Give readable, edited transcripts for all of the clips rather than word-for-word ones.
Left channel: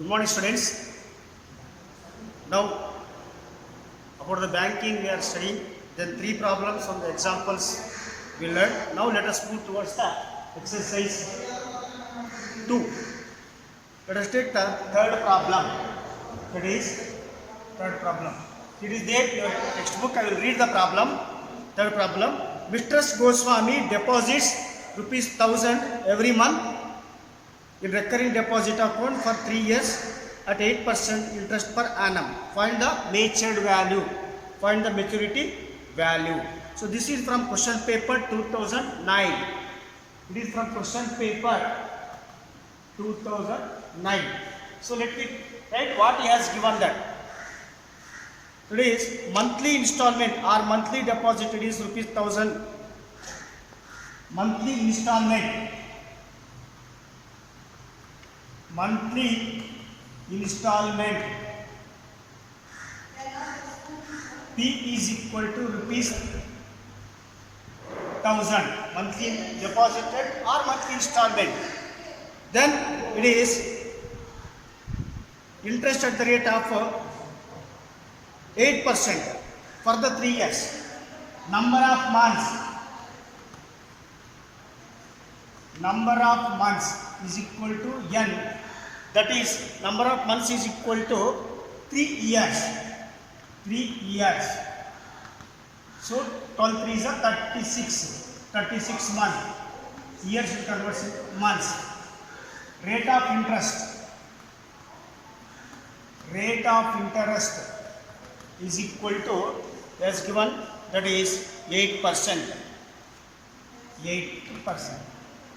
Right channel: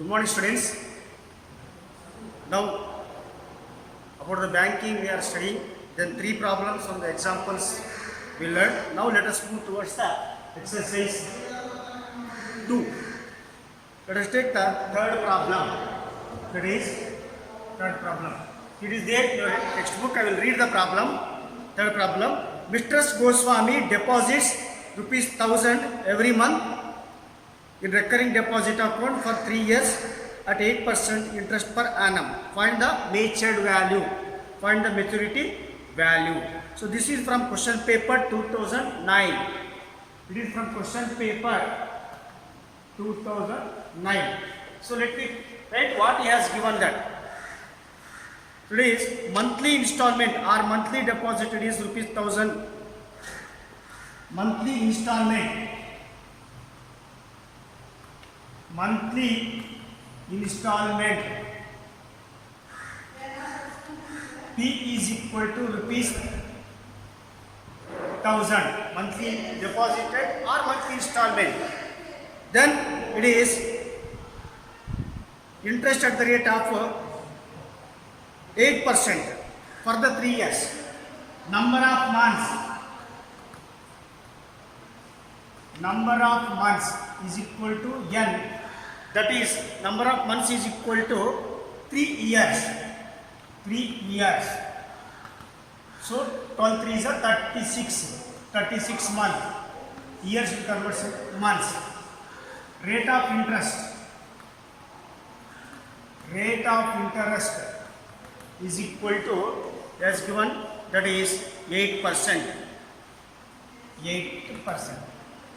Good morning, students. Now, about the banking we are studying. Then three problems from the examples we learned. Now, let us move towards the exercise 2. Let us take the third problem. That is third problem. It is there in your textbook. I will read the problem. Third problem. Mr. Goswami deposits ₹1,000 every month in recurring deposit account for 3 years at 8% interest per annum. Find the matured value. Find the maturity value. So this is from question paper 2009. It is from question paper 2009. So let me write what he has given that. It is monthly installment or monthly deposit. It is ₹1,000. Monthly installment. Monthly installment P is equal to ₹1,000 monthly deposited or monthly installment. Then it is interest at the rate of 8% for the 3 years. Number of months is equal to n. That is, number of months is equal to 3 years. 3 years. So 12 3 is a 36 months. Years will convert to months. Rate of interest is equal to, as given, that is 8%. 8%.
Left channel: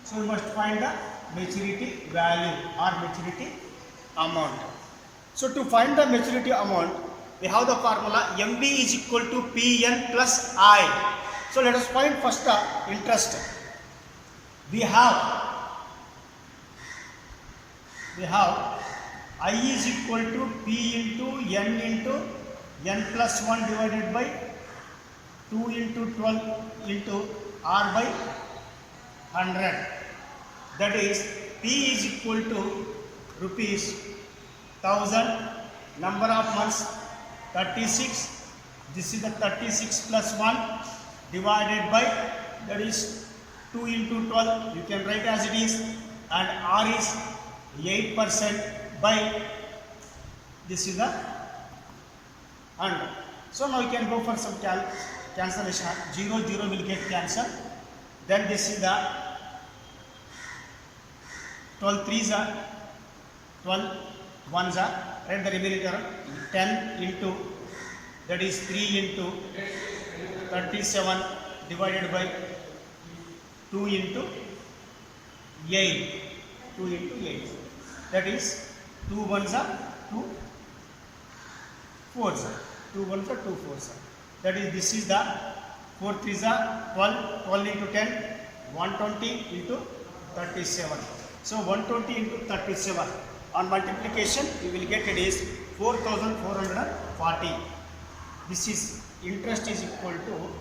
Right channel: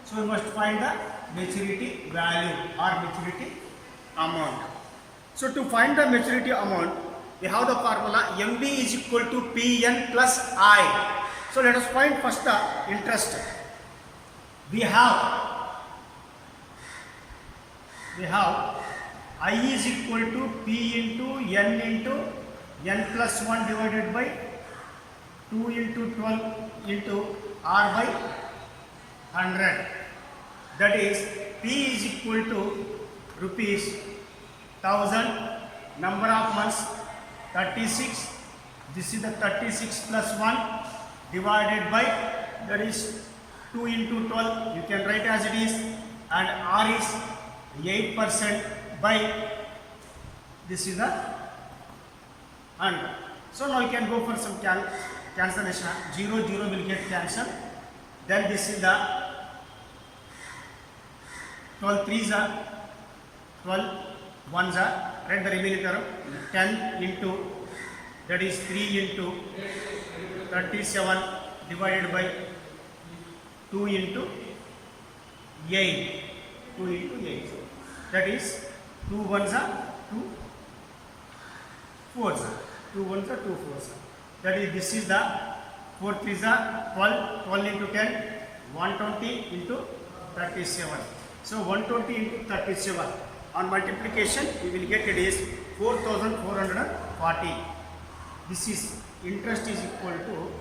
So we must find the maturity value or maturity amount. So to find the maturity amount, we have the formula MV is equal to PN plus I. So let us find first the interest. We have I is equal to P into N plus 1 divided by 2 into 12 into R by 100. That is, P is equal to ₹1,000. Number of months 36. This is the 36 plus 1 divided by, that is 2 into 12. You can write as it is, and R is 8% by, this is the 100. So now you can go for some cancellation. 0 will get cancelled. Then this is the 12 3s are 12 1s are, and the remaining term 10 into, that is 3 into 37 divided by 2 into 8. 2 into 8. That is 2 1s are 2 4s are. 2 1s are 2 4s are. That is, this is the 4 3s are 12. 12 into 10, 120 into 37. So 120 into 37 on multiplication we will get, it is 4,440. This is interest is equal to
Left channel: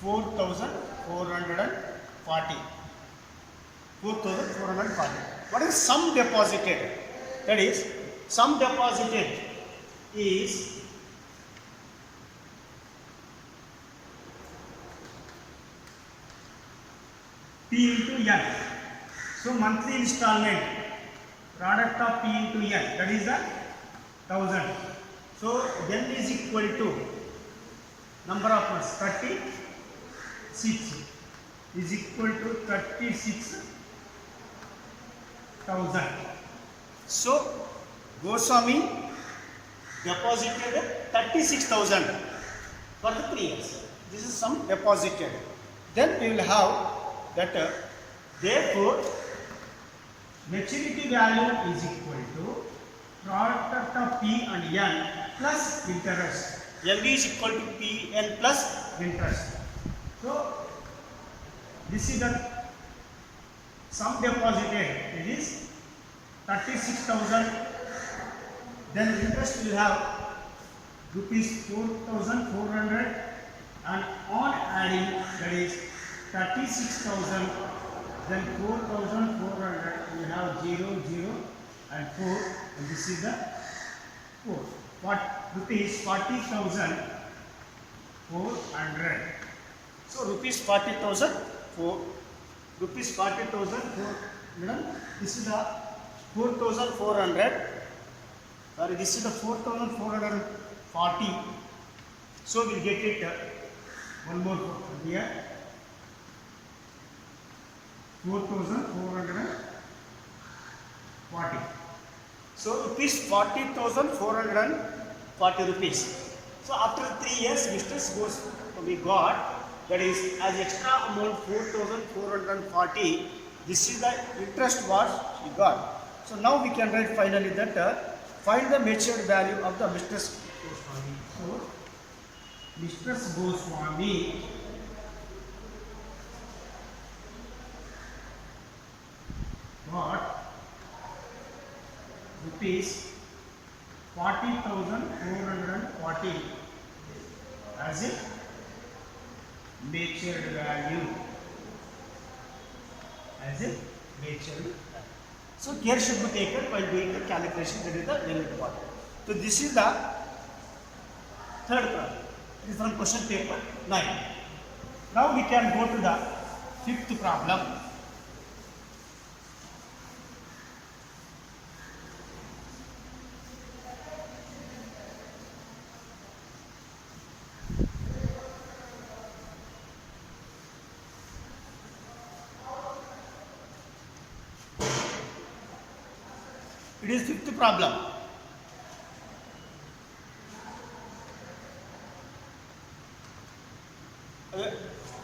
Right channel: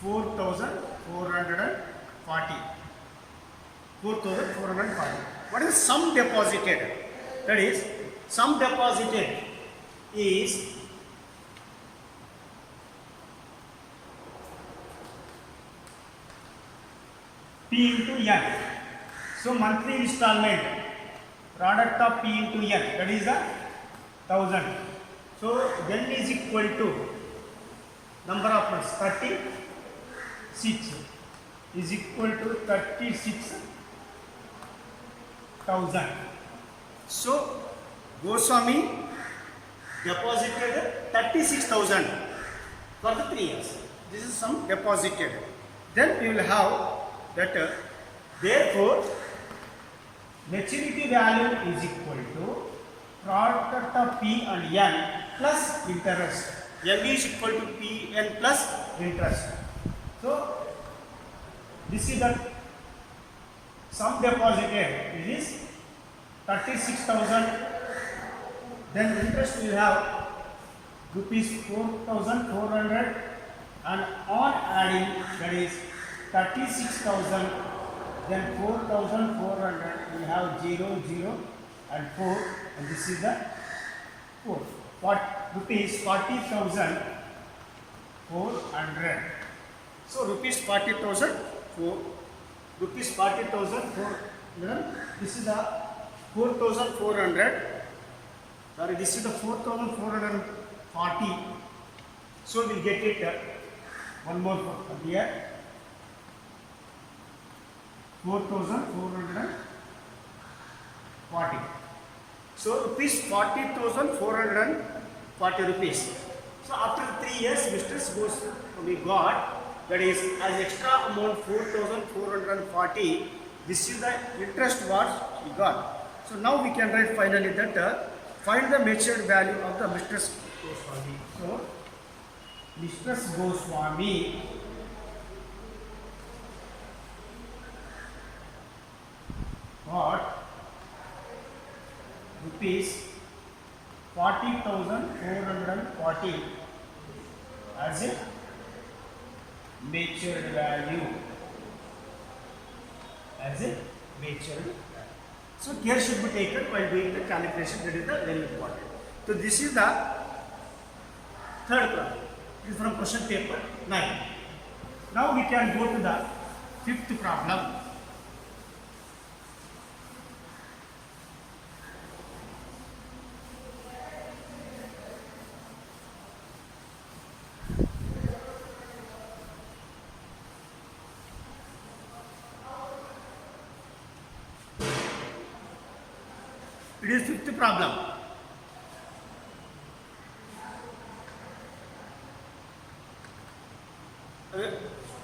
4,440. 4,440. What is sum deposited? That is, sum deposited is P into N. So monthly installment, product of P into N, that is a 1,000. So N is equal to number of months 36 is equal to 36,000. So Goswami deposited 36,000 for the 3 years. This is sum deposited. Then we will have that. Therefore, maturity value is equal to product of P and N plus interest. MV is equal to PN plus interest. So this is the sum deposited. It is 36,000. Then interest will have ₹4,400, and on adding, that is 36,000. Then 4,400, we have 0, 0, and 4, and this is the 4. What rupees 40,400. So rupees 40,000 rupees 40,400. This is the 4,400. Sorry, this is the 4,440. So we'll get it one more here. 4,440. So rupees 40,440 rupees. So after 3 years, mistress goes we got, that is as extra amount 4,440. This is the interest what we got. So now we can write finally that find the matured value of the Mistress Goswami. So Mistress Goswami got rupees 40,440 as a matured value. As a matured value. So care should be taken while doing the calculation. That is the very important. So this is the third problem. It is from question paper 9. Now we can go to the fifth problem. It is fifth problem.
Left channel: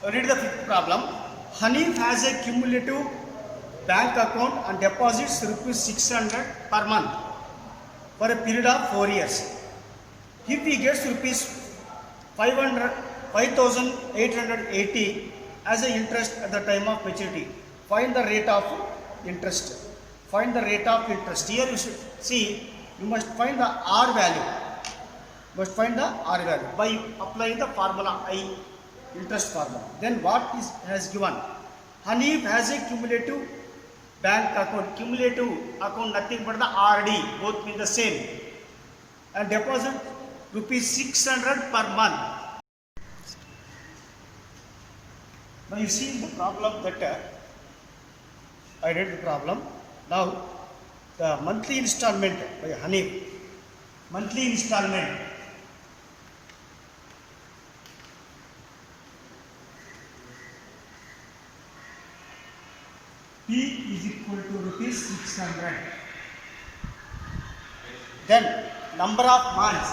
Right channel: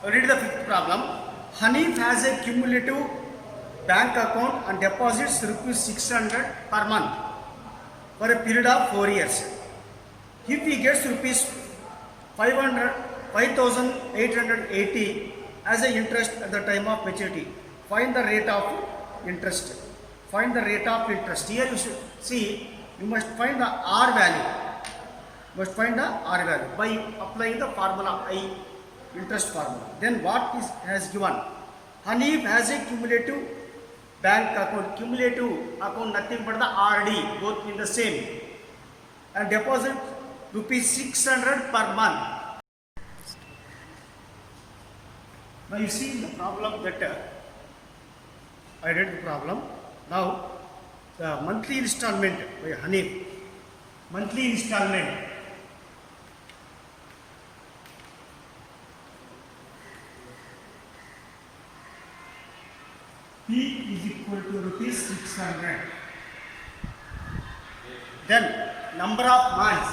Read the fifth problem. Hanif has a cumulative bank account and deposits rupees 600 per month for a period of 4 years. If he gets rupees 5,880 as a interest at the time of maturity, find the rate of interest. Find the rate of interest. Here you should see, you must find the R value. Must find the R value by applying the formula I, interest formula. Then what is has given? Hanif has a cumulative bank account. Cumulative account nothing but the RD, both mean the same. And deposit rupees 600 per month. Now you see the problem that I read the problem. Now the monthly installment by Hanif. Monthly installment. P is equal to rupees 600. Then number of months.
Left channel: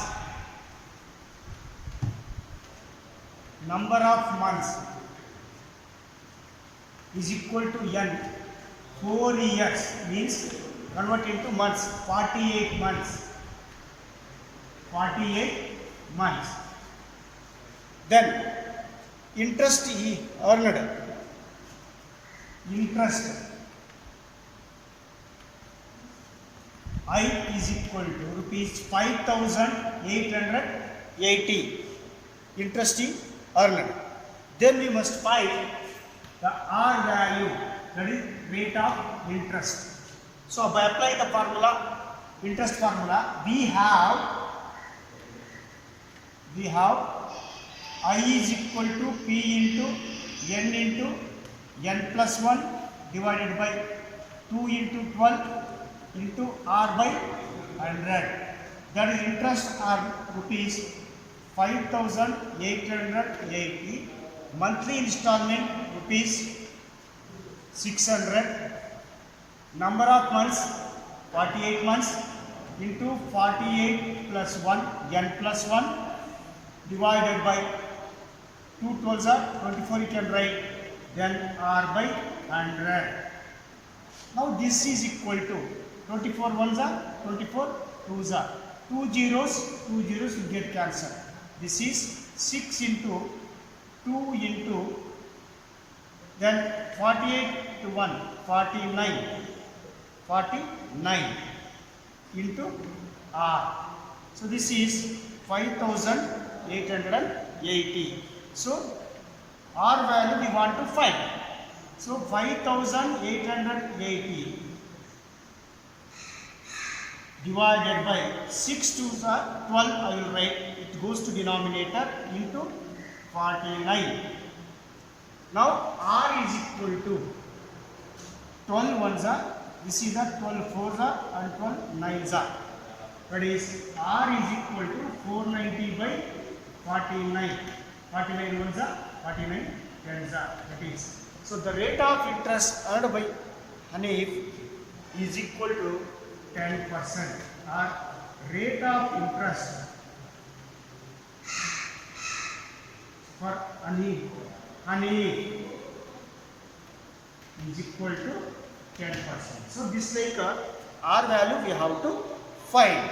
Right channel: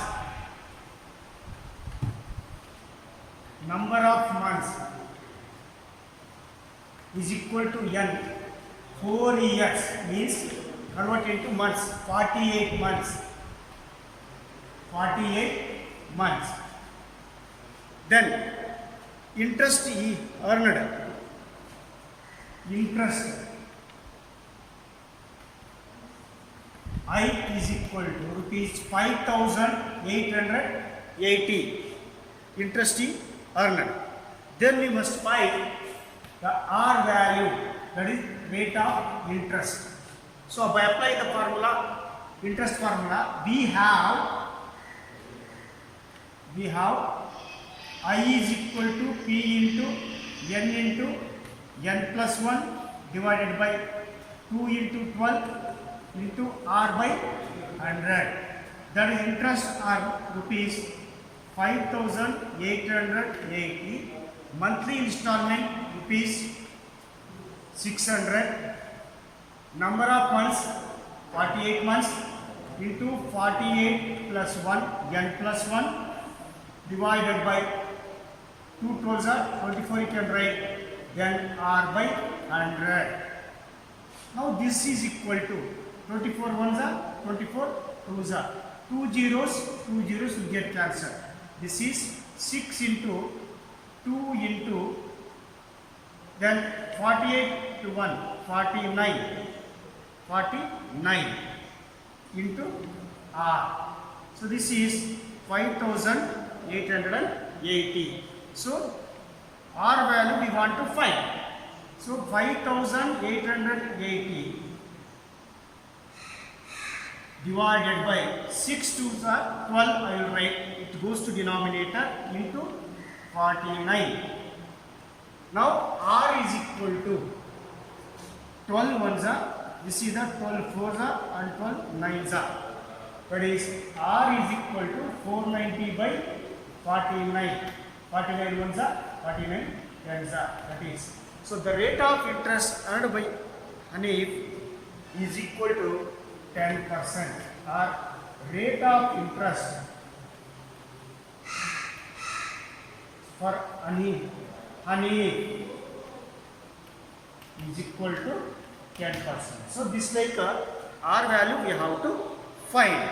Number of months is equal to N. 4 years means convert into months. 48 months. 48 months. Then interest he earned. Interest I is equal to rupees 5,880. Interest he earned. Then we must find the R value, that is rate of interest. So by applying the formula, interest formula, we have I is equal to P into N plus 1 divided by 2 into 12 into R by 100. That is interest are rupees 5,880. Monthly installment rupees 600. Number of months 48 months into 48 plus 1 N plus 1 divided by 2 12s are 24, you can write, then R by 100. Now this is equal to 24 ones are 24 twos are 2 zeros will get cancelled. This is 6 into 2 into then 48 to 1 49 into R. So this is 5,880. So R value we want to find. So 5,880 divided by 6 2s are 12. I will write it goes to denominator into 49. Now r is equal to 12 ones are, this is the 12 fours are and 12 nines are. That is r is equal to 490 by 49. 49 ones are 49 tens are. That is, so the rate of interest earned by Hanif is equal to 10%, or rate of interest for Hanif is equal to 10%. So this like R value we have to find.